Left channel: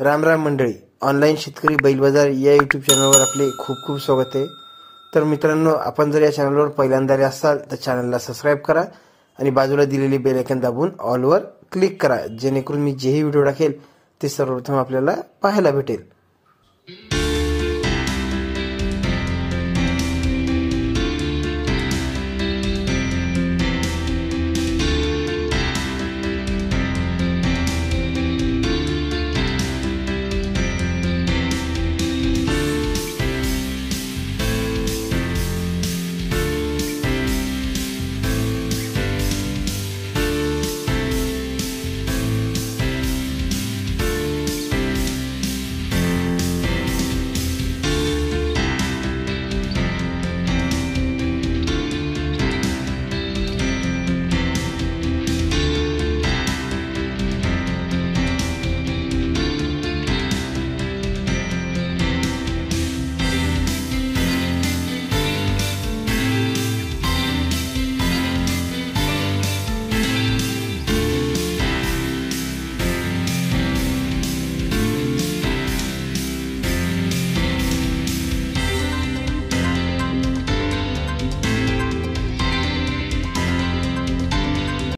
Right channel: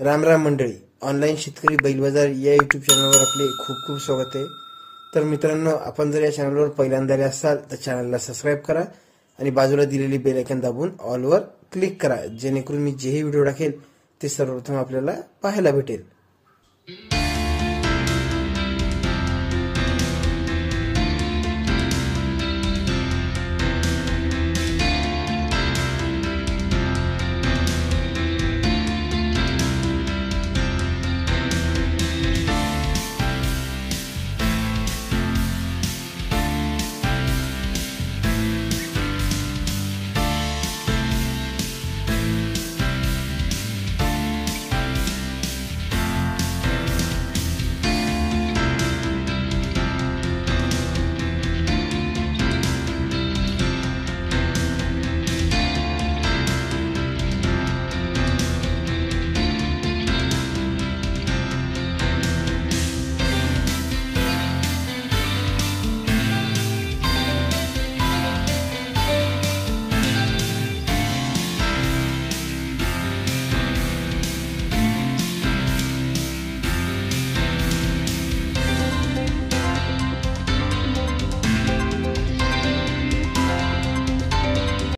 राम राम मंडळी, ऑनलाईन शेतकरी बैल बाजार या यूट्यूब चॅनलवर आपले खूप खूप स्वागत आहे। तर मित्रांनो, आपण जर या चॅनलवर पहिल्यांदा असाल तर चॅनलला सबस्क्राइब करा आणि बाजूला दिलेली बेल आयकॉन दाबून ऑल वर क्लिक करा, जेणेकरून मी जेही व्हिडिओ टाकेल ते सर्वप्रथम आपल्याला पाहायला भेटेल।